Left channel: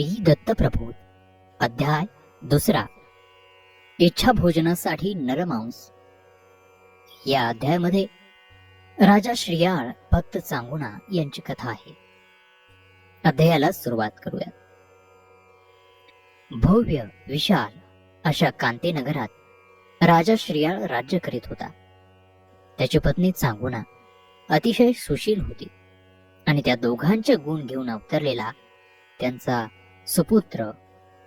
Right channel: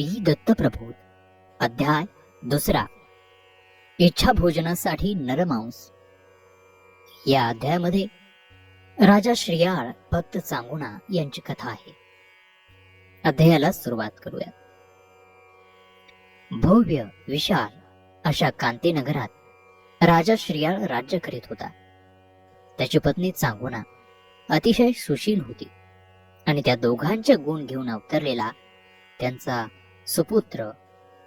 श्री दत्तप्रबोध अध्याय 2. इच्छा भोजनासाठी नरमांस. या अध्यायामध्ये राजा श्रीयाळ भक्त चांगुणा यांची कथा आहे. अध्यायाला सुरुवात करूया. भव्य विशाल अशा कांती नगरात राजा श्रीयाळ राज्य करीत होता. त्याची पत्नी चांगुणा अतिशय सुशील होती आणि त्या दोघांचे गुण घेऊन अवतरलेला त्यांचा सुपुत्र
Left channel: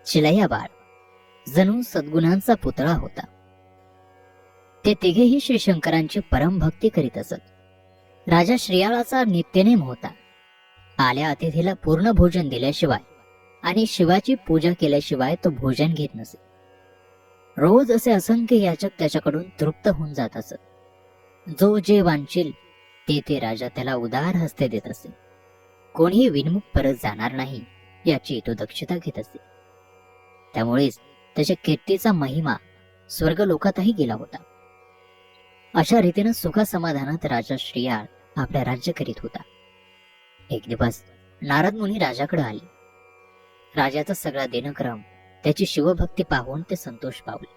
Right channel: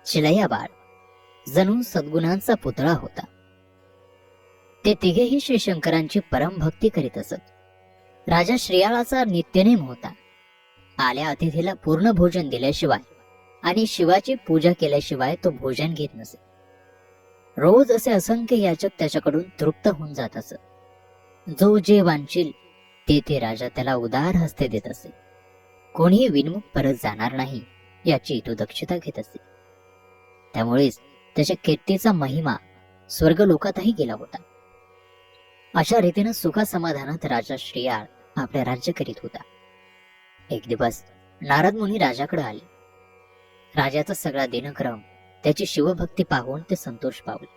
चिलयाबाळ जणू सद्गुणांचा पुतळा होता. ते तिघेही श्री शंकरांची परम भक्ती करीत असत. राजा श्रीयाळाचा नित्यनेम होता आल्या अतिथीला पूर्ण भोजन दिल्याशिवाय आणि शिवाची पूजा केल्याशिवाय तो भोजन घेत नसे. रोज असे असंख्य याचक त्याच्याकडून तृप्त होऊन जात असत. जो जे वांछील ते राजा त्याला उदार हस्ते देत असे. कोणीही विनमुख परत जाणार नाही याची तो दक्षता घेत असे. त्यामुळेच त्याच्या कीर्तीचा महिमा स्वर्गलोकातही गेला होता. अशा रीतीने सुखासमाधानात राजा श्रीयाळ आपले राज्य करीत होता. एक दिवस नारद मुनी राजाकडे आले. राजाचा सगळा दिनक्रम त्याची शिवभक्ती पाहून ते संतोष पावले.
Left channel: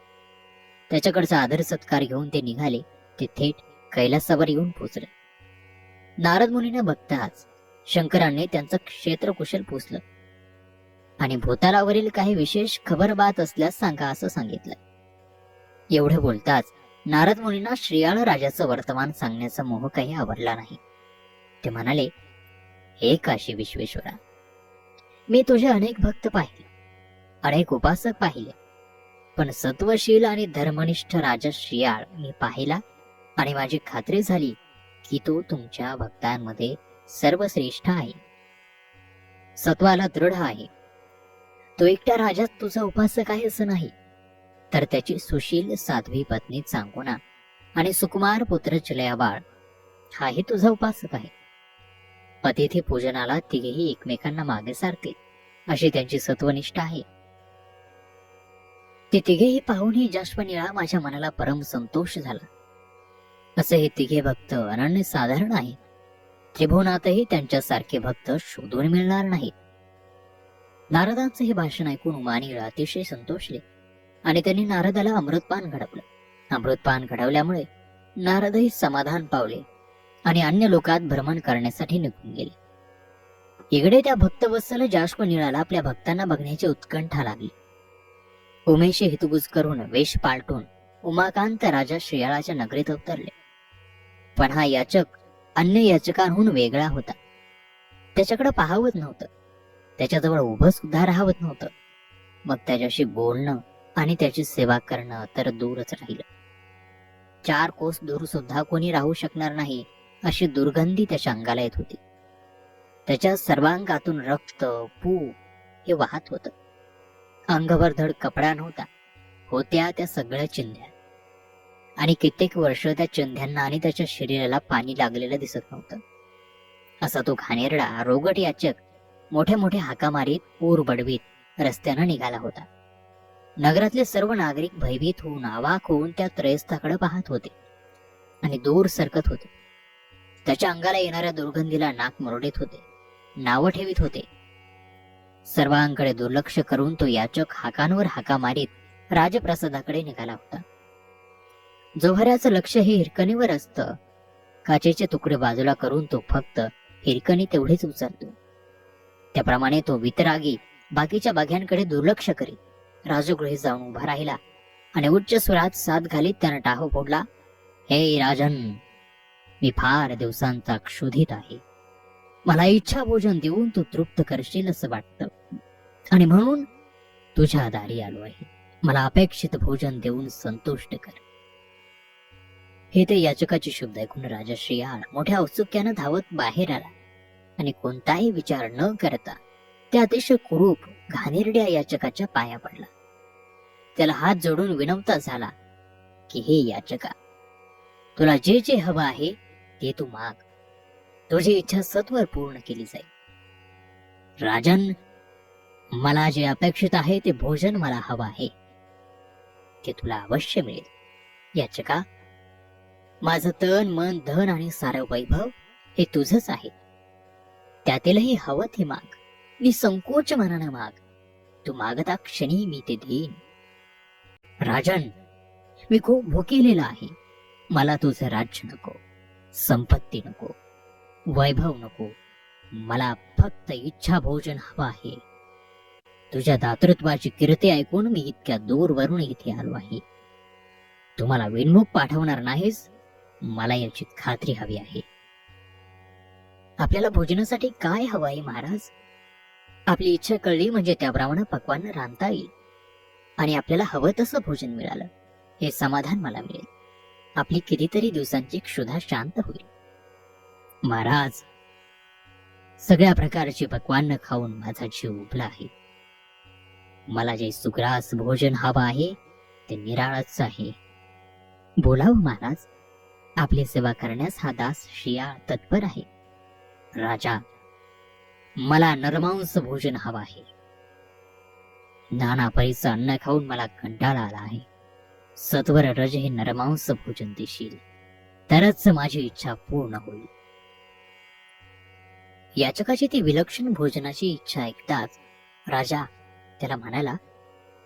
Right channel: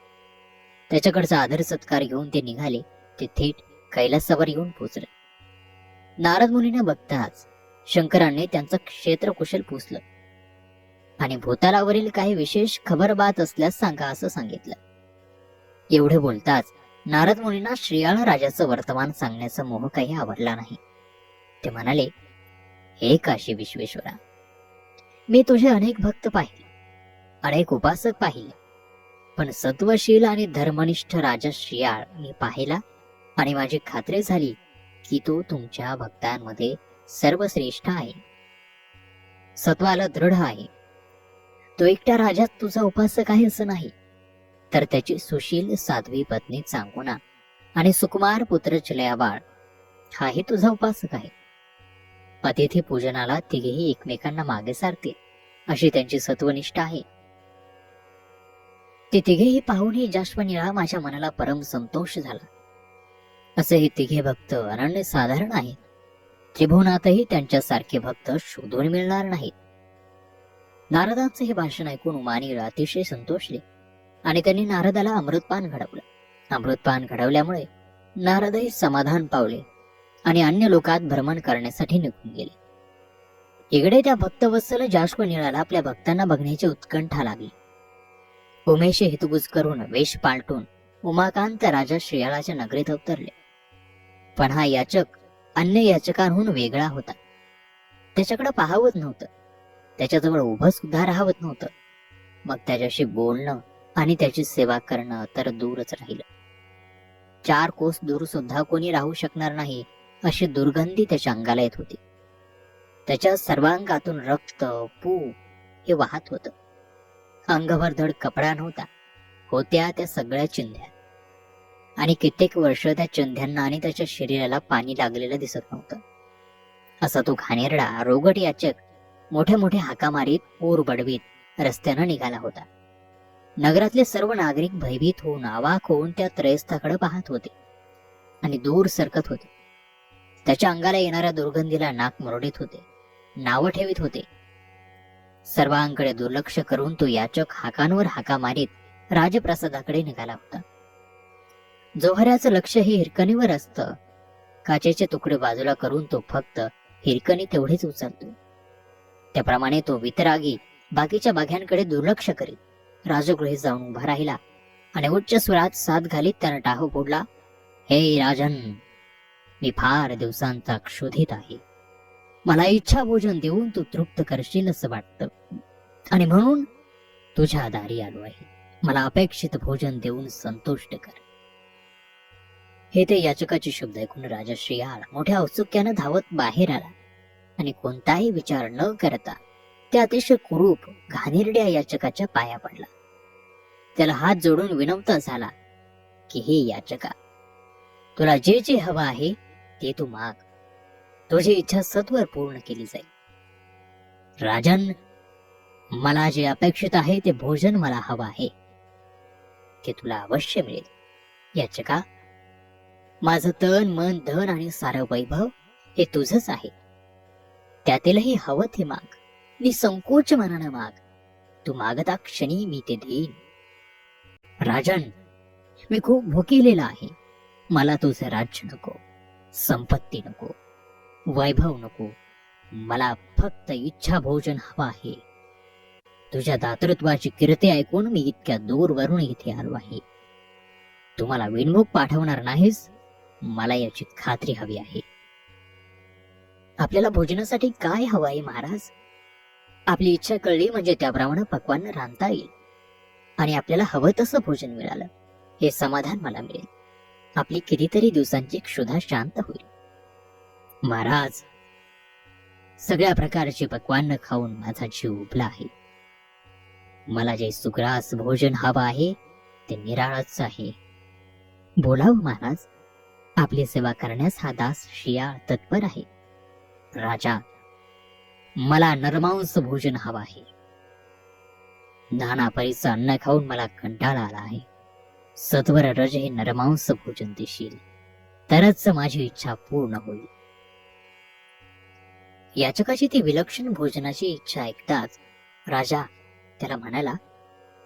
त्याच्याकडचा आदर सत्कार घेऊन ते निघाले. ते थेट कैलासावर येऊन पोचले. नारद मुनीने बघताच शंकरांनी त्यांचा क्षेत्रकुशल पुसलं आणि भूतालावरील काही विशेष खबरबात असल्यास सांगा असं सांगितलं. एवढे बोलताच नारद मुनींना श्रीयाळ राजाचं वर्तमान सांगण्याचा मोह काही आवडला नाही. ते म्हणाले, हे काशी विश्वेश्वरा, मी तुझे अनेक भक्त पाहिले, अनेक उपासक पाहिले, पण सत्वशील आणि धर्मनिष्ठ राजा श्रीयाळ मी पाहिला आणि माझी खात्री झाली की तो तुमच्या भक्तांमध्ये सर्वश्रेष्ठ आहे, सत्वाला दृढ आहे. तो एकट्या राजात तुझा उपासक आहे असं नाही, तर त्याची सुशील साध्वी पत्नी चांगुणा आणि सुकुमार पुत्र चिलयाबाळ हाही तुझा उपासक आहे. अतिथी पूजनाला तिघेही एकमेकांना मागे सारतील अशी त्यांची सत्वनिष्ठा आहे. ते तिघेही पाहूनही जाश्वनिळा माझ्या मनाला परम संतोष झाला. असे हे तिघे भक्त अनन्य साधारण आहेत. त्रिभुवनातही त्यांच्यासारखे भक्त शोधून मिळणार नाहीत. नारदांचे हे भाषण ऐकून उमानीळ अतिशय संतोषले आणि त्यांनी नारदाला अमृतपान घडवलं. अमृतपान घडवल्यामुळे नारदही समाधान पावले आणि अन्य लोकात भ्रमण करण्यासाठी निघून गेले. इकडे त्या भक्तवत्सल जाश्वनिळाला आपल्या भक्तांना बघण्याची उत्कंठा लागली. उमेशी हितगुज करून वेश पालटून उमाकांत राजा श्रीयाळाच्या नगरीत अवतरले. पण हा याचक अन्य याचकांहून वेगळा होता. त्याच्याकडे पाहावत नव्हतं, त्याच्याजवळ उभं सुद्धा राहावत नव्हतं. मग त्याच्याशी बोलणं आणि त्याची सेवा करणं तर दूरच राहिलं. 4 कोस दूर सुद्धा कोणी राहू शकणार नाही अशी दुर्गंधी त्याच्या अंगाला येत होती. त्याच्या सर्वांगातून रक्त पू हे वाहत होतं. अंगभर धड कपडा नव्हता, होत्या त्या सगळ्या चिंध्या, आणि कित्येक वर्ष त्या चिंध्यांना आणि त्याच्या शरीराला पाणी लागलेलं दिसत नव्हतं. असा तो घाणेरडा रोगट याचक मोठे मोठे हाका मारीत ऊर बडवीत रस्त्यानं निघाला होता. नगरातले सर्व नागरिक भयभीत होऊन अवाक होऊन त्या त्रयस्थाकडे पाहत होते आणि दूर सरकत होते. त्याच्या अंगाला येणाऱ्या दुर्गंधीला नाक मुरडीत होते, नावं ठेवीत होते. सर्वांकडे दुर्लक्ष करून तो याचक हाकांवर हाका मारीत राजप्रसादाकडे निघाला होता. जोहऱ्याचं लक्ष हे हिरकणीवर असतं. काचेचे तुकडे बाजूला करून तो फक्त हिरकणी तेवढेच उचलतो. त्याप्रमाणे तो वितरागी बाकीच्या बघ्यांकडे दुर्लक्ष करीत राजगृही जाऊन उभा राहिला आणि उच्च स्वरात साथ घालीत त्यानं टाहू फोडला, हे राजन, मी फार दिवसांचा क्षुधित आहे. मला इच्छा भोजन देऊन तू तृप्त करशील असं वाटतं आणि म्हणून तुझ्या दारी आलो आहे. मला अपेक्षित भोजन देऊन संतुष्ट कर. हे ते याचकाचे शब्द ऐकून राजा श्रीयाळ मोठ्या औत्सुक्यानं धावत बाहेर आला आणि कोणताही विचार न करता त्या अतिशय कुरूप घाणेरड्या याचकाच्या पाया पडला. त्याला हात जोडून विनवता झाला की, हे याचका, तुला जे जे हवं आहे ते तू माग. तुझी इच्छा सत्वर पूर्ण केली जाईल. राजन, मला जे अपेक्षित आहे ते भोजन मला हवं आहे, ते तुला अवश्य मिळेल. याचका, माझं तन मन धन आणि सारं वैभव हे तुझंच आहे. त्यातीलही हवं ते माग, निसंकोच मनानं माग. तू मागता क्षणी मी ते देईन. राजन, मी खूप भुकेलेला आहे. मला तुझं राज्य नको, संपत्ती नको, वैभव नको. मला फक्त इच्छा भोजन हवं आहे. तुझ्या दातृत्वाची कीर्ती ऐकून मी इतक्या दूरवरून इथे आलो आहे. तुम्हाला विनमुख पाठवणार नाहीस, मला याची खात्री हवी आहे. आपल्याला भोजनासाठी काय हवं आहे महाराज? आपली इच्छा कळली म्हणजे त्याप्रमाणे पक्वान्न रांधता येईल आणि आपल्याला हवं तसं भोजन मिळालं हे समाधान मला मिळेल. आपली कितीतरी दिवसांची क्षुधा शांत होईल. महाराज, सगळ्या प्रकारचे पक्वान्न खाऊन माझा जीव उबला आहे. मला जे सुग्रास भोजन हवं आहे ते निराळच आहे. बोलावं महाराज, आपली सेवा करण्यास हा दास शियाळ तत्पर आहे. राजा, मला नरमांस भोजन हवं आहे. नाना परीचं अन्न खाऊन मला कंटाळा आला आहे. सत्वर रज हे नरमांस भोजन देशील तरच माझी इच्छा पूर्ण होईल. याचकाची ती विलक्षण भोजनाची इच्छा ऐकताच राजा त्याला म्हणाला,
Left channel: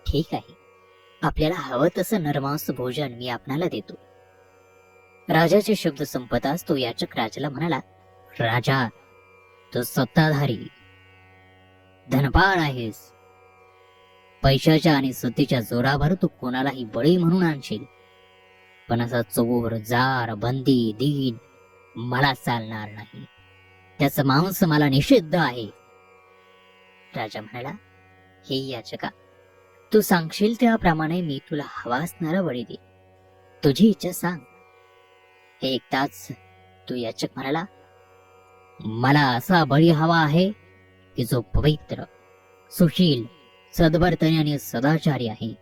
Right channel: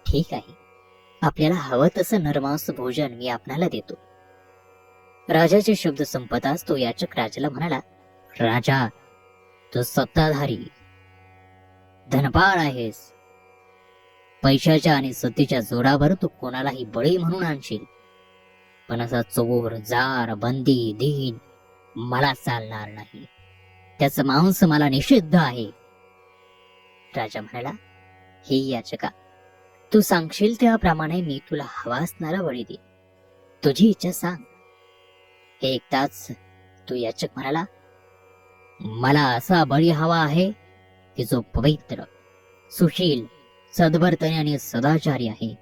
ठीक आहे, आपल्याला हवं तसं नरमांस भोजन मी आपणाला देतो. राजाचे शब्द संपताच तो याचक राजाला म्हणाला, राजा, तू सत्ताधारी धनपाळ आहेस. पैशाच्या आणि सत्तेच्या जोरावर तू कोणालाही बळी म्हणून आणशील, पण असा चोर, जार, बंदी, दीन मला चालणार नाही. त्याचं मांस मला निषिद्ध आहे. राजा म्हणाला, हे याचका, तू सांगशील त्याप्रमाणे मी तुला हवा असणारा बळी दे. तुझी इच्छा सांग. हे ऐकताच तो याचक म्हणाला, मला असा बळी हवा आहे की जो पवित्र, सुशील, सद्वर्तनी आणि सदाचारी आहे.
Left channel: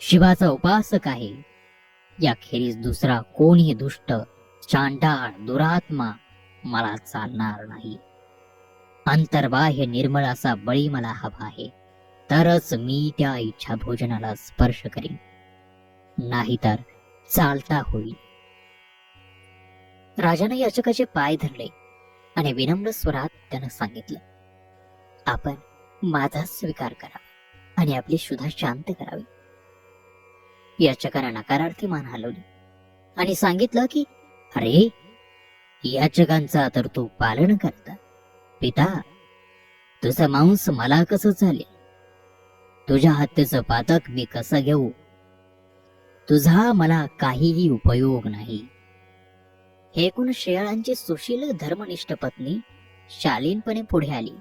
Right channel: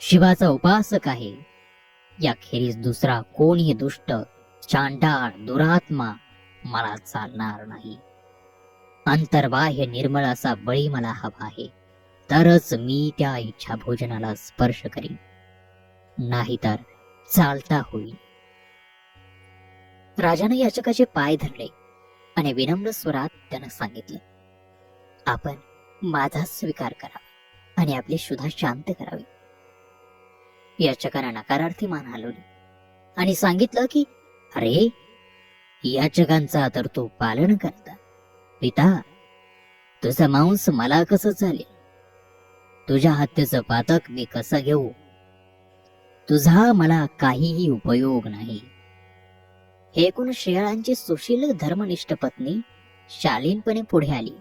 शिवाचा उपासक आहे. याखेरीज दुसरा कोणी दुष्ट, चांडाळ, दुरात्मा मला चालणार नाही. अंतर्बाह्य निर्मळ असा बळी मला हवा आहे, तरच मी त्या इच्छा भोजनाला स्पर्श करीन, नाहीतर चालता होईल. राजाने याचकाचे पाय धरले आणि विनम्र स्वरात त्यानं सांगितलं, आपण माझा स्वीकार करा आणि आपली क्षुधा शांत करावी. याचकाने नकारार्थी मान हलवली आणि सांगितलं की, अरे, याचकांचा तर तू पालन करता. पिता, तुझं मांस मला कसं चालेल? तुझ्या हत्येचं पातक मी कसं घेऊ? तुझा मला काहीही उपयोग नाही. हे ऐकून शियाळांची सुशील धर्मनिष्ठ पत्नी शालीनपणे पुढे आली.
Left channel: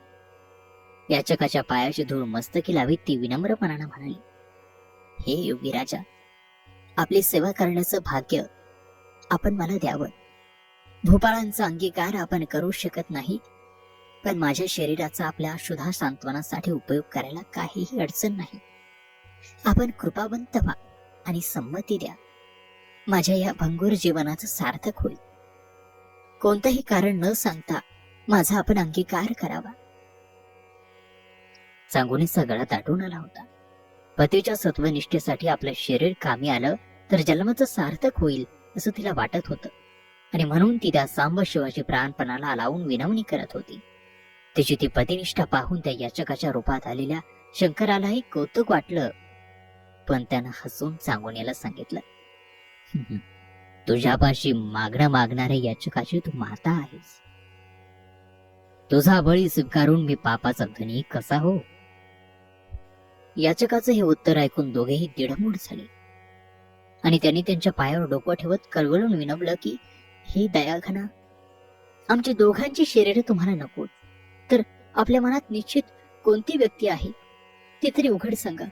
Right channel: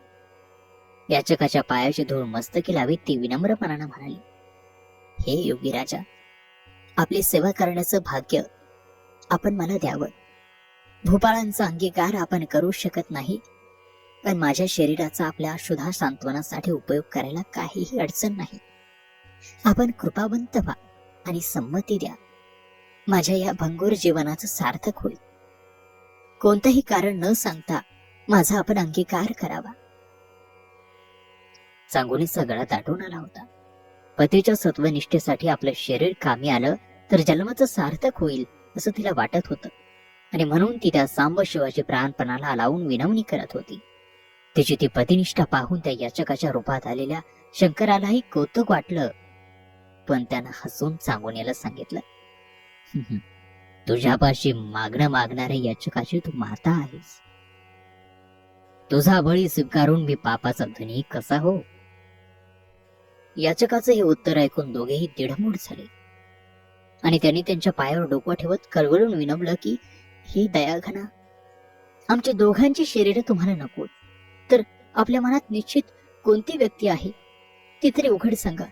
याचकाच्या पायाची धूळ मस्तकी लावीत ती विनम्रपणाने म्हणाली, हे योगी राजा, आपली सेवा करण्याचं भाग्य आपण मला द्यावं. भूपाळांचा अंगीकार आपण करू शकत नाही, पण माझ्या शरीराचा आपल्या क्षुधा सांत्वनासाठी उपयोग करायला काहीही अडचण नाही. आपण कृपावंत व्हा आणि संमती द्या. माझ्या या भंगुर जीवनाचं सार्थक होईल. कोणतंही कारण न सांगता माझा आपण अंगीकार करावा. चांगुलीचा गळा दाटून आला होता. पतीच्या सत्वनिष्ठेसाठी आपलं शरीर कामी आलं तर जन्माचं सार्थक होईल असं तिला वाटत होतं आणि म्हणून ती त्या सांब शिवाची प्राणपणाला लावून विनवणी करत होती. तिची ती पतिनिष्ठा पाहून त्या याचकाच्या रूपात आलेल्या शंकरालाही कौतुक वाटलं, पण त्यानं हसून चांगुनीला सांगितलं, तुझ्यापाशी मागणं मागणाऱ्या याचकाची तू माता आहेस. तुझा बळी स्वीकारून मी पापाचा धनी कसा हो? याचकाचं हे उत्तर ऐकून दोघेही दिडमूड झाले आणि त्यांनी त्यांच्या पायावर डोकं ठेवत कळवळून विनवलं की, ही दयाघना, आमची दोघांची शरीरे तुम्हाला नको, तर आपल्या मनात निश्चित कोणती व्यक्ती आहे ती तरी उघड सांगा.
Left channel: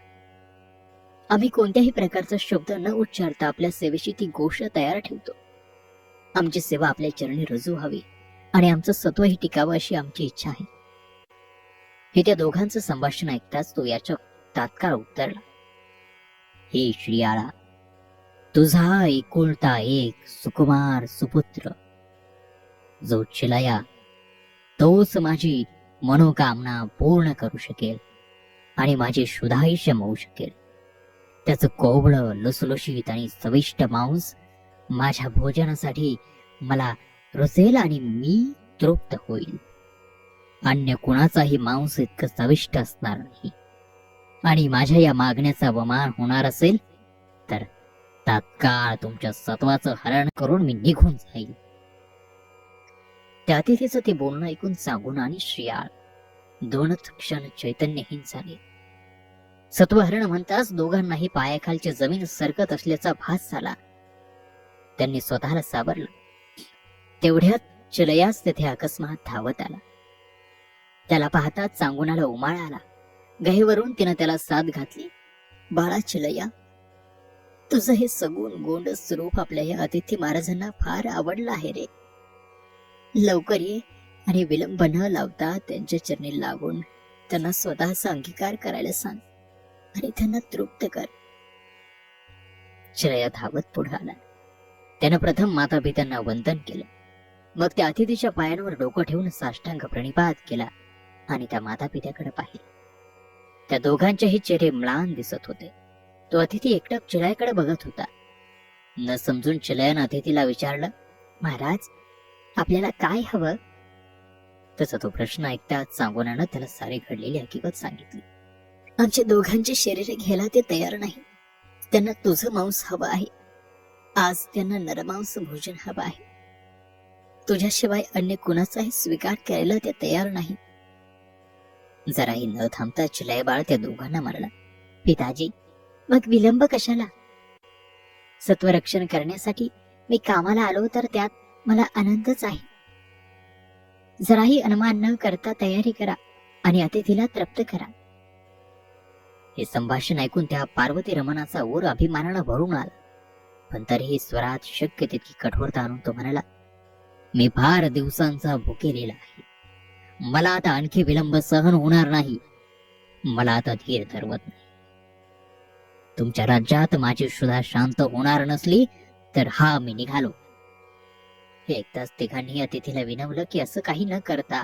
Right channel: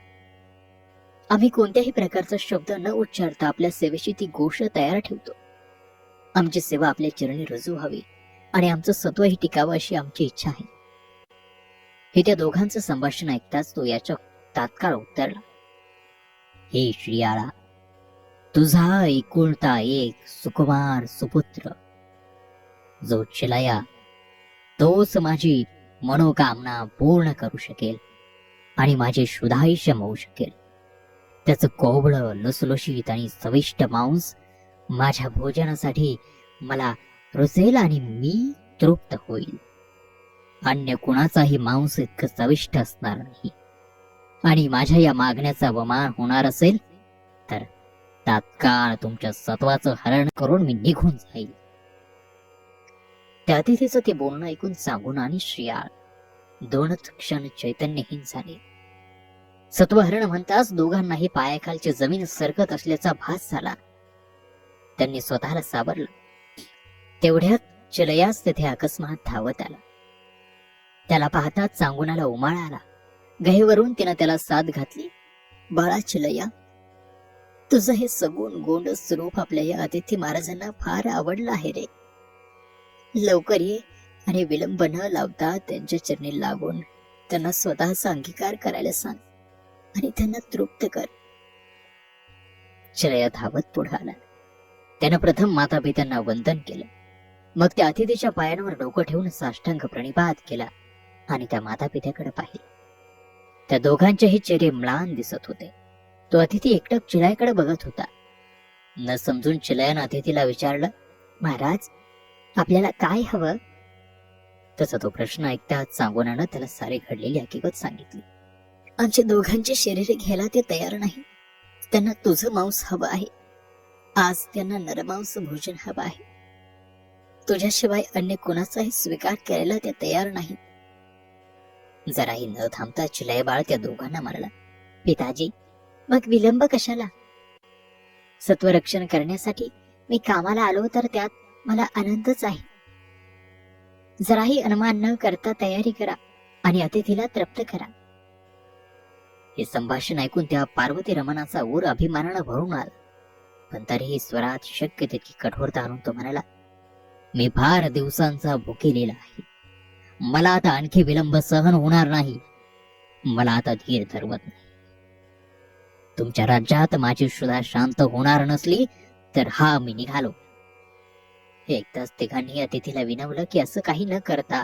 आम्ही कोणत्याही प्रकारचा शब्द न उच्चारता आपल्या सेवेची ती गोष्ट तयार ठेवतो. आमची सेवा आपल्या चरणी रुजू हवी आणि आमचं सत्वही टिकावं अशी आमची इच्छा आहे. हे त्या दोघांचं संभाषण ऐकताच तो याचक तात्काळ उत्तरला, हे श्रियाळा, तुझा एकुलता एक सुकुमार सुपुत्र जो चिलाया, तोच माझी मनोकामना पूर्ण करू शकेल आणि माझे क्षुधायुष्य होऊ शकेल. त्याचं कोवळं, लुसलुशीत आणि चविष्ट मांस माझ्या भोजनासाठी मला रुचेल आणि मी तृप्त होईल. अन्य कुणाचाही मांस इतकं चविष्ट असणार नाही. आणि माझ्या या मागण्याचा अवमान होणार असेल तर तात्काळ तुमच्या सत्वाचं हरण करून मी निघून जाईल. त्या अतिथीचं ते बोलणं ऐकून सांगून आणि शियाळ दोनच क्षण चैतन्यहीन झाले. सत्वहरण म्हणताच दोघांनाही पायाखालची जमीन सरकत असल्याचा भास झाला. त्यांनी स्वतःला सावरलं. तेवढ्यात चिलयास तेथे अकस्मात धावत आला. त्याला पाहताच सांगुनाला उमाळा आला. गहेवरून तिनं त्याला साथ घातली. बाळा चिलया, तुझं हे सगुण गोंडस रूप आपल्या या अतिथी महाराजांना फार आवडलं आहे रे. लवकर ये आणि विलंब न लावता त्यांच्या चरणी लागून त्यांना स्वतःचा अंगीकार करायला सांग आणि त्यांना तृप्त कर. चिलया धावत पुढे आला. त्यानं प्रथम मातापित्यांना वंदन केलं. मग त्या अतिथीच्या पायांवर डोकं ठेवून साष्टांग प्रणिपात केला आणि त्या मातापित्याकडे पाहिले. त्या दोघांचेही चेहरे म्लान दिसत होते. तो अतिथी एकटक चिलयाकडे बघत होता. न समजून चिलयानं अतिथीला विचारलं, महाराज, आपल्याला काय हवं? तसा तो प्रश्न ऐकताच सांगोनानं त्याला सारी घडलेली हकीकत सांगितली. आमच्या दोघांचे शरीर घ्यायला ते तयार नाही. त्यांना तुझं मांस हवं आहे. आज त्यांना नरमांस भोजन हवं आहे. तुझ्याशिवाय अन्य कुणाचाही स्वीकार करायला ते तयार नाही. जराही न थांबता चिलय बाळ त्या दोघांना मारला. पिताजी, मग विलंब कशाला? सत्वरक्षण करण्यासाठी मी कामाला आलो तर त्यात मला आनंदच आहे. जराही अनुमान न करता तयारी करा आणि अतिथीला तृप्त करा. हे संभाषण ऐकून त्या पार्वती रमणाचा ऊर अभिमानानं भरून आला. पण तरीही स्वरात शक्य तितकी कठोरता आणून तो म्हणाला, मी फार दिवसांचा भुकेलेला आहे. मला आता आणखी विलंब सहन होणार नाही. मला आता धीर धरवत नाही. तुमच्या राज्यात माझी सुद्धा शांत होणार नसली तर हा मी निघालो. हे ऐकताच तिघांनी अतिथीला विनवलं की असं काही न करता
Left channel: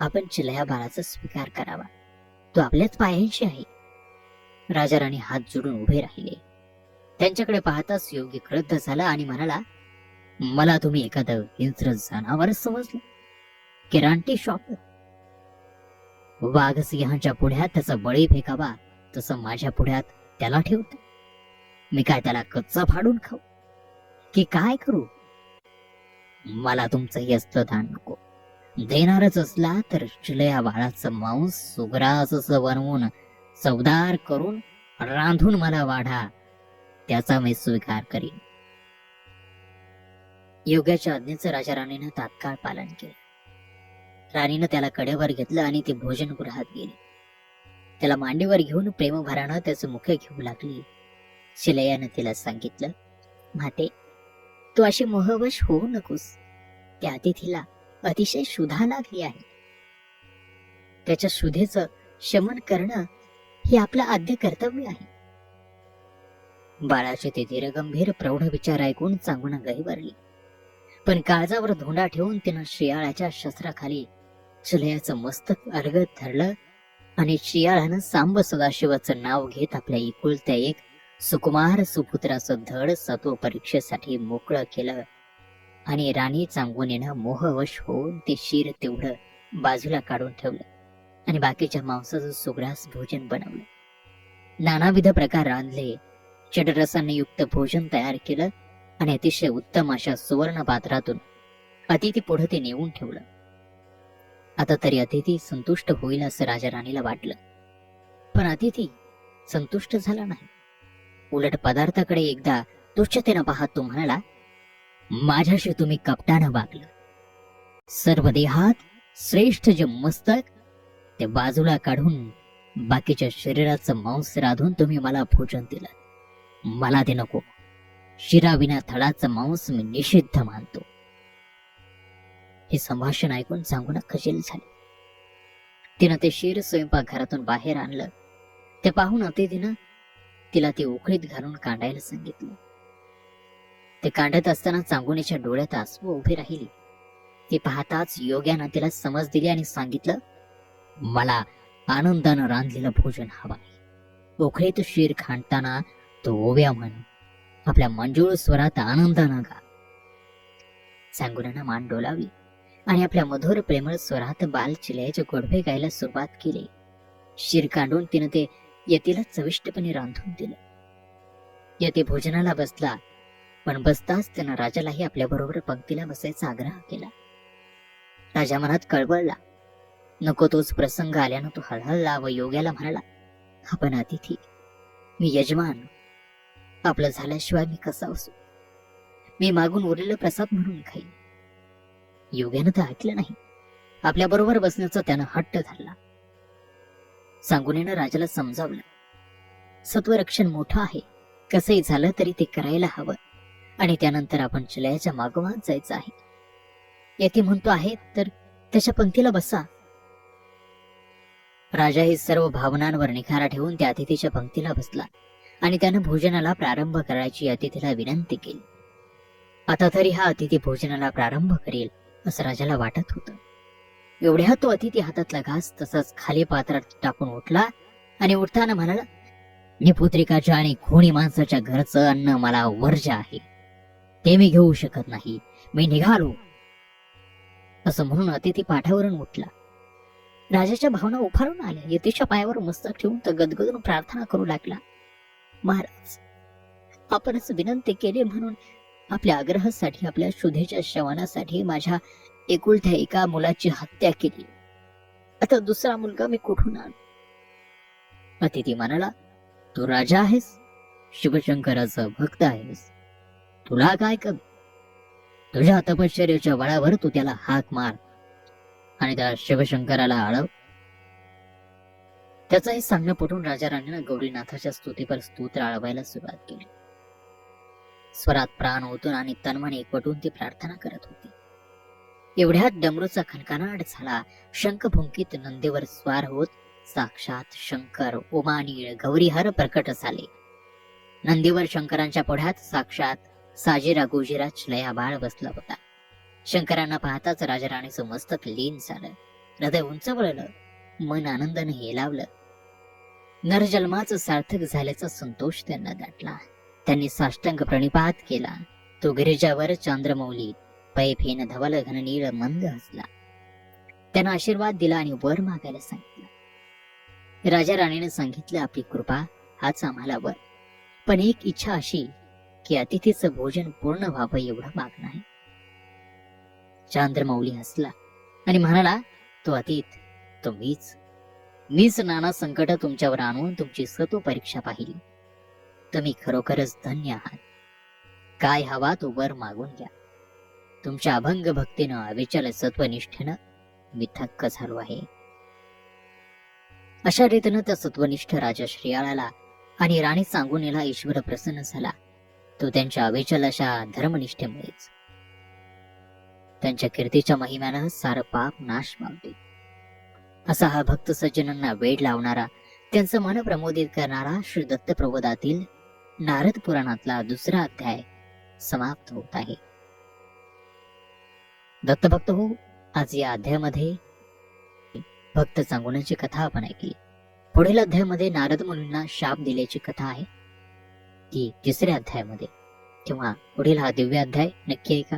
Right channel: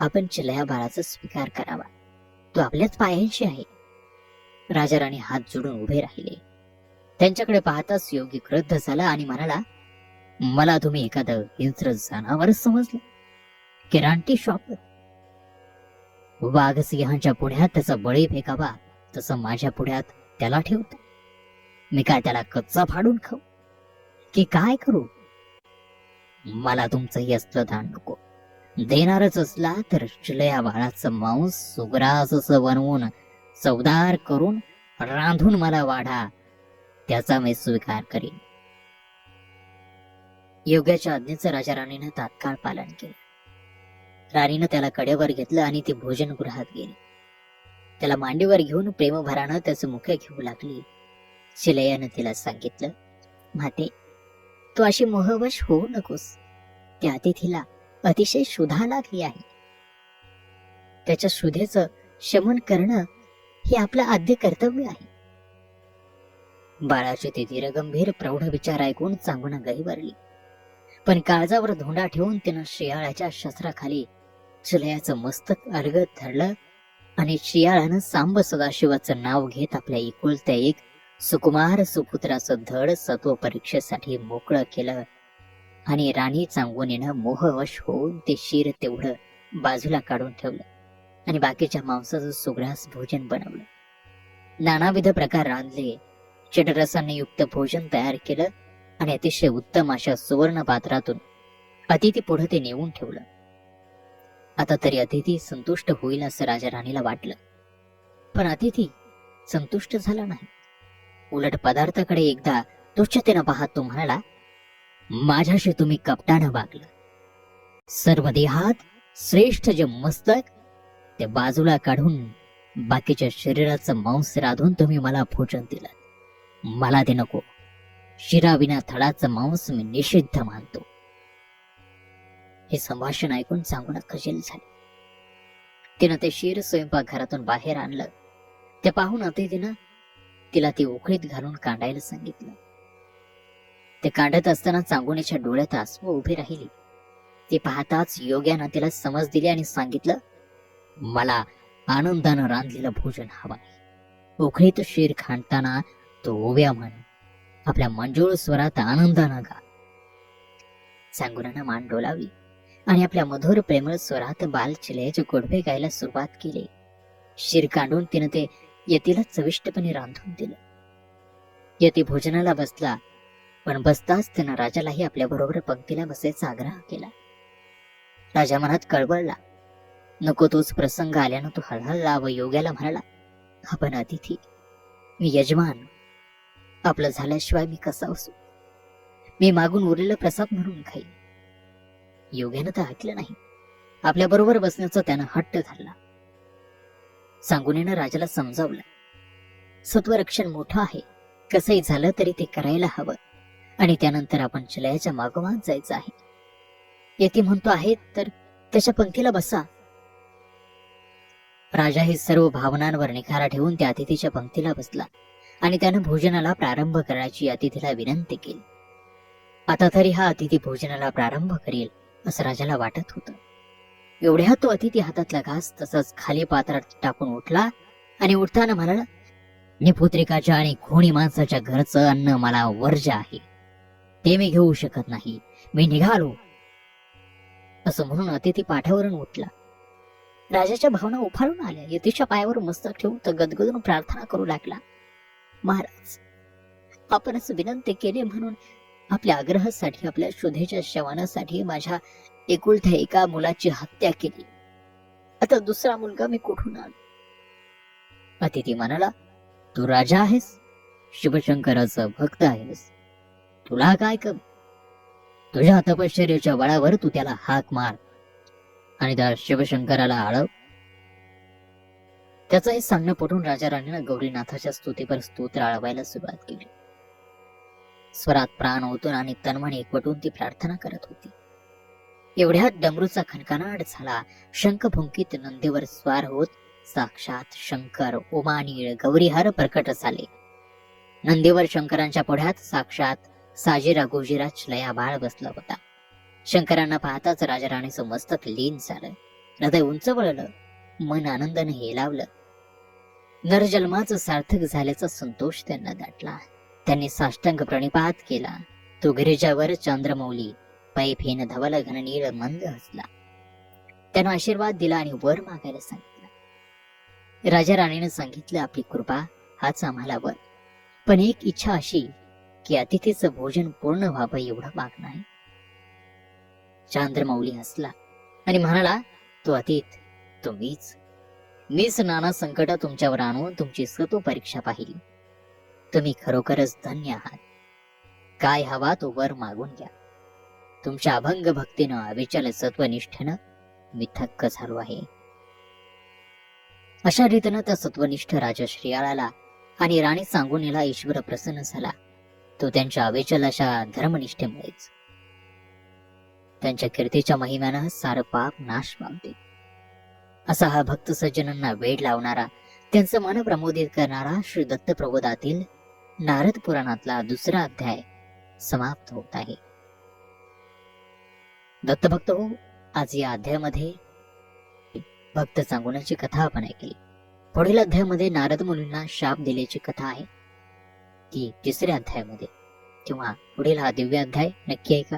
आपण चिलया बाळाचा स्वीकार करावा. तो आपल्याच पायाशी आहे. राजा राणी हात जोडून उभे राहिले. त्यांच्याकडे पाहताच योगी क्रुद्ध झाला आणि म्हणाला, मला तुम्ही एखादं हिंस्र जनावर समजलं की रानटी शॉप? वाघ सिंहाच्या पुढ्यात त्याचा बळी फेकावा तसं माझ्या पुढ्यात त्याला ठेवतो. मी काय त्याला कच्चा फाडून खाऊ की काय करू? मला तुमचं हे असलं दान नको. देणारच असला तर चिलया बाळाचं मांस सुग्रास असं बनवून चवदार करून रांधून मला वाढा, त्याचा मी स्वीकार करीन. योग्याच्या आज्ञेचं राजा राणीनं तात्काळ पालन केलं. राणीनं त्याला कडेवर घेतलं आणि ती भोजनगृहात गेली. त्याला मांडीवर घेऊन प्रेमभरानं त्याचं मुख घेऊ लागली. चिलयानं तिला सांगितलं, माते, तू अशी मोहवश होऊ नकोस. त्या अतिथीला अतिशय क्षुधा लागली आहे. त्याच्या क्षुधेचं शमन करणं हे आपलं आद्य कर्तव्य आहे. बाळाचे ते धीरगंभीर प्रौढ विचार ऐकून चांगून गहिवरली. पण काळजावर धोंडा ठेवून त्यानं शियाळाच्या शस्त्राखाली चिलयाचं मस्तक अलगद धरलं आणि शियाळानं सांब सदाशिवाचं नाव घेत आपल्या इकुलत्या एक सुकुमार सुपुत्राचं धड सत्व परीक्षेसाठी मोकळं केलं आणि राणी चांगोनीनं मोहवश होऊन ते शिर तेवढं बाजूला काढून ठेवलं आणि बाकीच्या मांसाचं सुग्रास भोजन बनवलं. नानाविध प्रकार रांधले. चटरसाने युक्त भोजन तयार केलं आणि अतिशय उत्तम अशा सुवर्ण पात्रातून अतिथी पुढे ते नेऊन ठेवलं. आता तरी अतिथी संतुष्ट होईल असं राजा राणीला वाटलं. पण अतिथी संतुष्ट झाला नाही. उलट पदार्थाकडे एकदा तुच्छतेनं पाहत तो म्हणाला, माझ्याशी तुम्ही कपटानं वागला. सर्व देहात श्रेष्ठ जे मस्तक ते बाजूला काढून बाकीच्या शरीराचं मांस राधून तुम्ही मला भोजन दिलं. मला ते नको. शिराविना थडाचं मांस मी निषिद्ध मानतो. हे संभाषण ऐकून सांगून खजील झाले. तिनं ते शिर स्वयंपाकघरातून बाहेर आणलं. ते पाहून अतिथीनं तिला ती उकळीत घालून कांडायला सांगितलं. ते कांडत असताना चांगुणीच्या डोळ्यात आसू उभी राहिली. ती पाहताच योग्यानं तिला समज दिली आणि सांगितलं, मला आनंदानं रांधलेलं भोजन हवं आहे. उकळीत शिर खांडताना तो ओव्या म्हणून आपल्या मंजूळ स्वरात आनंदानं गा. चांगुरानं मान डोलावली आणि आपल्या मधुर प्रेमळ स्वरात बाल चिलयाचे गोडवे गायला सुरुवात केली. शिर कांडून तिनं ते यतीला चविष्टपणे रांधून दिलं. यती भोजनाला बसला, पण बसताच त्यानं राजालाही आपल्या बरोबर पंक्तीला बसायचा आग्रह केला. राजा मनात कळवळला. नको तोच प्रसंग आल्यानं तो हळहळला व योग्याला म्हणाला, आपण अतिथी, मी यजमान. आपलं झाल्याशिवाय मी कसा असू? मी मागून उरलेला प्रसाद म्हणून खाईल. योग्यानं तर ऐकलं नाही. आपल्या बरोबर बसण्याचा त्यानं हट्ट धरला. सांगुनीनं राजाला समजावलं, सत्वरक्षण मोठं आहे. कसंही झालं तरी ते करायला हवं आणि त्यानंतर आपण चिलयाच्या मागोमाग जायचं आहे. यती म्हणतो आहे तर त्याच्या पंक्तीला बसा. राजा ही सर्व भावनांवर निखारा ठेवून त्या अतिथीच्या पंक्तीला बसला आणि त्यानं भोजनाला प्रारंभ करायची अतिथीला विनंती केली. आता तरी हा अतिथी भोजनाला प्रारंभ करेल असं राजाला वाटत होतं. एवढ्या तो अतिथी हातातला घास तसंच खाली पात्रात टाकून उठला आणि उठताना म्हणाला, निपुत्रिकाच्या आणि खोणी माणसाच्या घरचं अन्न मला वर्ज्य आहे. ते मी घेऊ शकत नाही. मी निघालो. असं म्हणून अतिथी पाठावरून उठला. राजाच्या भावना उफाळून आल्या. यतीच्या पायावर मस्तक ठेवून तो गदगदून प्रार्थना करू लागला, महाराज, आपणच विनंती केले म्हणून आपल्या आग्रहासाठी, आपल्या शोधेच्या शवनासाठी माझ्या एकुलत्या एका मुलाची हत्या केली. आता दुसरा मुलगा मी कुठून आणू? अतिथी म्हणाला, तू राजा आहेस, शिवशंकराचा भक्त आहेस. तुला काय कमी? तुझ्या तपश्चर्याच्या बळावर तू त्याला हाक मार आणि त्या शिवशंकराला आळव. त्याचंही सांगणं पटून राजा राणीनं गौरीनाथाच्या स्तुतीवर स्तोत्र आळवायला सुरुवात केली. स्वरात प्राण ओतून आणि तनमन एकवटून ती प्रार्थना करत होती. एवढ्यात डमरूचा खणखणाट झाला. शंख फुंकीत नंदीवर स्वार होत साक्षात शंकर उमानीळ गौरीहर प्रकट झाले. नंदीवर शंकरांच्या पुढ्यात साक्षात साजीरा गुजीरा लया बाळ बसला होता. शंकरांना पाहताच राजा राणीचं मस्तक लीन झालं. हृदय उंच वळलं, मन आनंदाने हेलावलं. नरजन्माचं सार्थक झाल्याचा संतोष त्यांना दाटला. त्यांनी साष्टांग प्रणिपात केला. तो गिरिजावर चंद्रमौली पै फेन धवल घननीळ मंद हसला. त्यानं आशीर्वाद दिला आणि वर मागायला सांगितलं. राजा राणीने सांगितलं, आपली कृपा हाच आम्हाला वर, पण एक इच्छा अशी की अतिथीचं भोजन पूर्ण व्हावं एवढं मागणं आहे. चंद्रमौली हसला आणि म्हणाला, तो अतिथ मीच नाना संकट तुमच्यावर आणून तुमची सत्व परीक्षा पाहिली. तुम्ही खरोखरच धन्य आहात. काय हवा तो वर मागून घ्या. तुमच्या अभंग भक्तीनं अविचल सत्वनिष्ठेनं मी थक्क झालो आहे. अशा रीतीनं त्या सत्वनिष्ठ राजा श्रीयाळाला आणि राणी सांगुनीला ईश्वर प्रसन्न झाला. तो त्यांच्या अविचल अशा धर्मनिष्ठेमुळेच. त्यांच्या कीर्तीच्या महिम्यानं सारं पाप नाश पावते. असा हा भक्त सज्जनांना वेड लावणारा, त्यांचं मन प्रमोदित करणारा श्री दत्त प्रबोधातील नारद पुराणातला दुसरा अध्याय समाप्त होत आहे. दत्तभक्त हो, आज या अध्यायामध्ये भक्त सांगुनाची कथा आपण ऐकली. पुढील अध्यायामध्ये नारद मुनींना शाप दिल्याची कथा आहे. ती तिसऱ्या अध्यायामध्ये किंवा पुढील हा दिव्य अध्याय नक्की ऐका.